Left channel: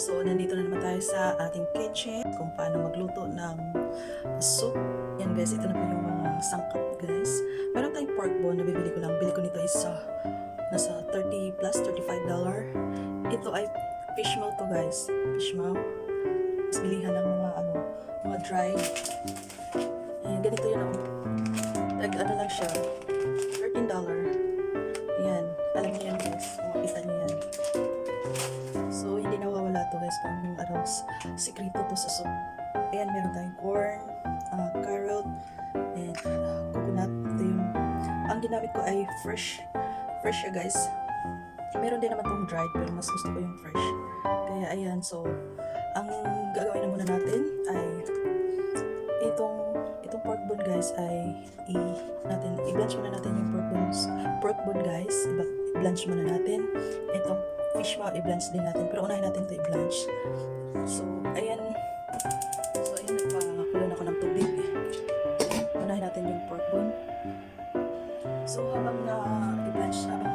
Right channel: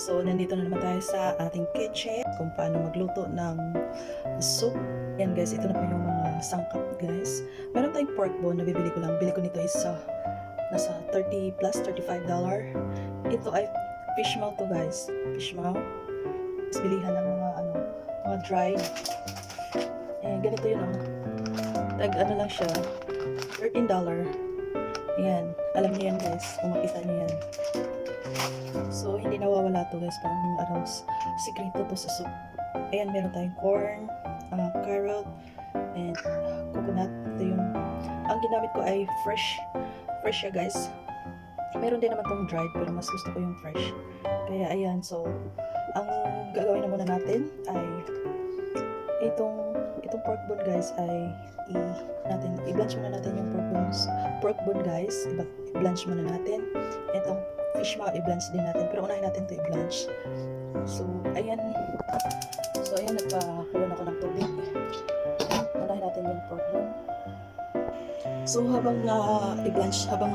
So, nandito na naman tayo sa ating kitchen kung paano magluto ng soup. Yan guys, ito na po yung mga sangkap guys. Meron tayong pork bone na bibili ko lang. Bili ko nito is nasa 30 plus $35. Ito ay fish maw to guys. Fish maw. Is bilihan ng mga dry. And ganito yun ano lang siya. $13. Ayan. Alam niyo yan guys. Kung makita niyo yan. So, hindi nawawala to guys. Parang sikreto to sa soup. Ayan, meron tayong corn, carrot, and coconut. Ito yung, ang ginamit ko ay fresh siya guys. Meron din naman tong dried, pero mas gusto ko yung fresh. Kaya ayan, so, ang gagawin na muna natin ay itong pork bone guys ay i-blanch muna natin yung pork bone guys. I-blanch muna natin. Itong fish maw i-blanch din natin, pero unahin natin ito i-blanch. So ayan, nagpakulo na ako ng tubig. Unahin natin yung pork bone. So habang i-blanch natin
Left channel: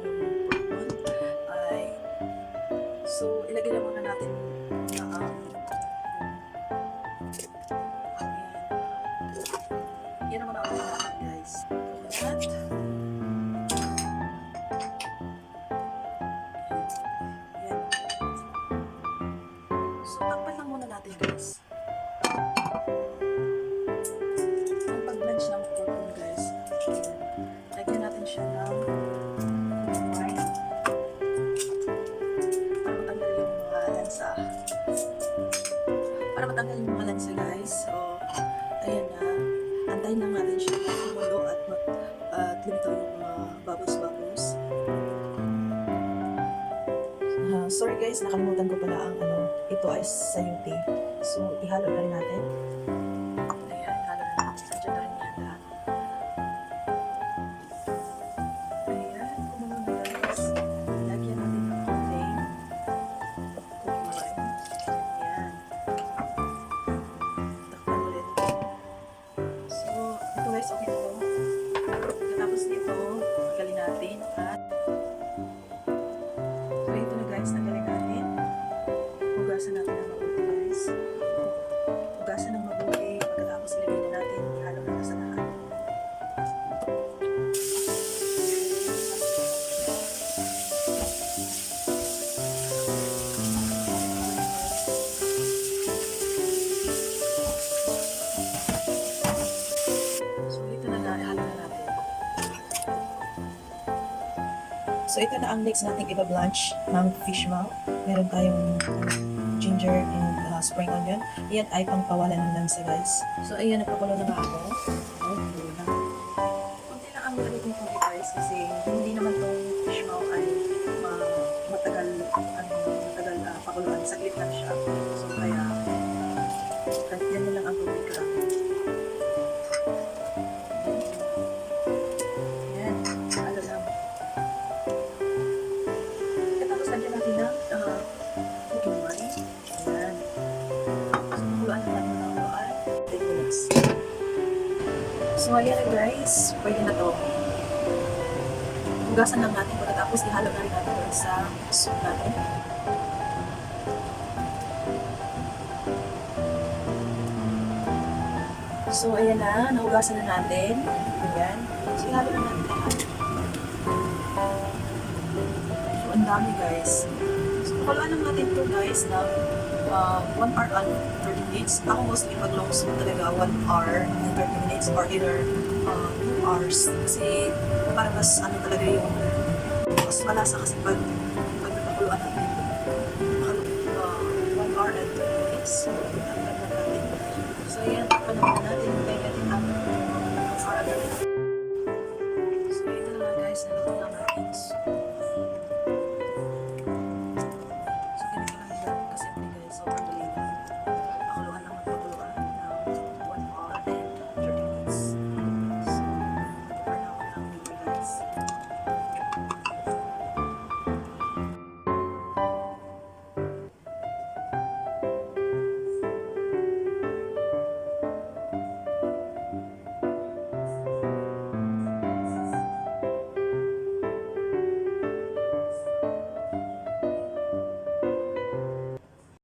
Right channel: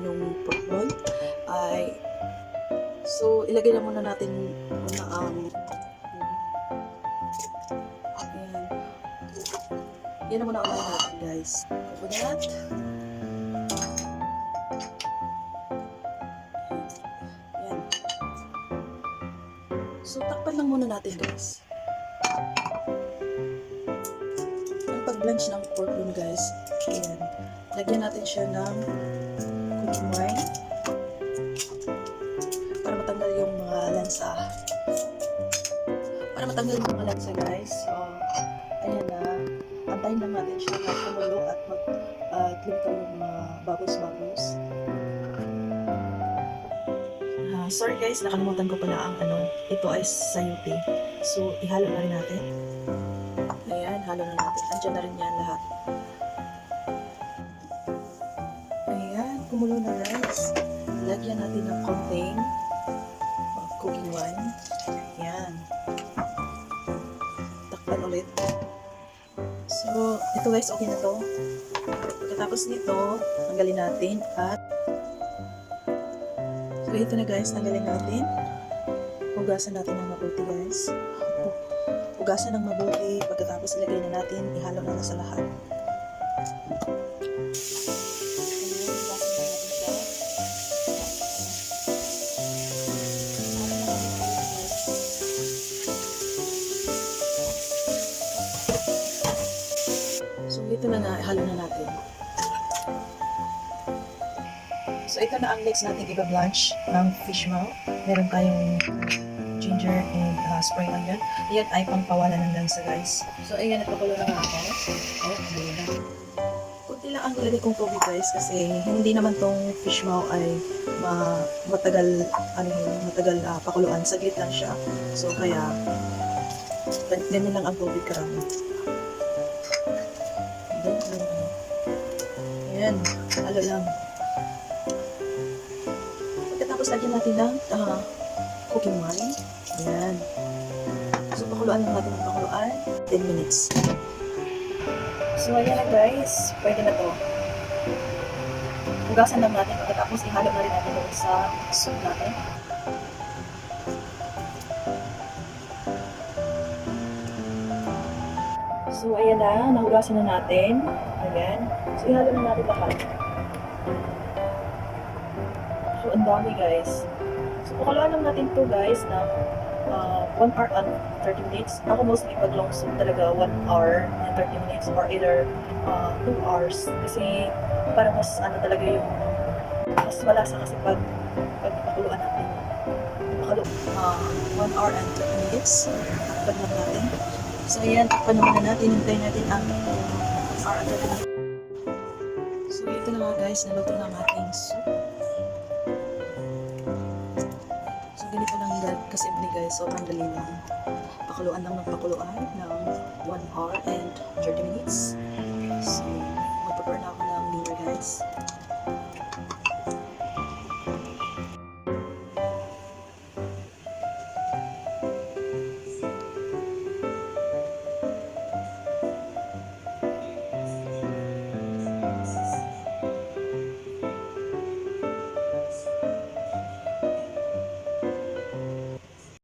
yung pork bone ay ilagay na muna natin yan na muna unahin natin guys. Coconut. So, takpan lang muna natin guys. Ang pag-blanch ng pork bone guys, ayan. Lagyan natin siya ng cooking wine para matanggal yung mga lansa. Guys. So, ayan na. Antayin lang natin siya na kumulo at lumitaw yung mga bubbles. Sorry guys, nakalimutan ko pala ang ito ay sayote. So, ihalo na rin natin. Ayan, halo na natin. Andiyan na rin yan lahat. Ayan, kumulo na guys. Lagyan natin ng konting cooking wine. Ayan. Takpan ulit. So, ito guys, okay na to. Pagkatapos nito, tanggalin natin at so, ito na guys, tanggalin natin. Hugasan natin ng mabuti guys. Hugasan ng mabuti. Pagkatapos ilagay na natin, ihalo na sa lahat. So, ito na nga, ihalo na natin. So, ito na ang mix natin iba-blanch ng fish maw. Meron tayong ginger and spring onion. Yan ay pangpawalan ng lansa guys. So, ayan, nagpakulo na nga ako. Ayan, hindi na. Kunti lang ang lagay kong tubig guys kasi hindi naman tong fish maw ay matagal pakuluan. Saglit lang siya. So, kaya ganyan lang ang tubig karami. Ayan, halo lang. Tapos lagyan natin ng cooking wine. Ayan. So, pakuluan na natin ng pakuluan. 10 minutes. So, ayan na guys. Pwede na to. Hugasan lang natin. Pagkatapos, ihalo na rin natin sa soup natin. So, ayan na. Nahugasan na natin. Ayan. So, ihalo na natin lahat. So, ang dami guys. So, pakuluan lang natin to guys ng 1 hour and 30 minutes. Ako mostly pag long soup talaga 1 hour and 30 minutes or either 2 hours. Kasi para mas talaga yung mas malasa kasi pag napakuluan natin. 1 hour and 30 minutes. Takpan lang natin. So, ayan. Takpan naman natin. Hintayin natin ang 1 hour and 30 minutes. So, ito na nga guys. Naluto na ang ating soup. Kasimple guys, so ang dali lang. Pakuluan lang ng pakuluan ng 1 hour and 30 minutes.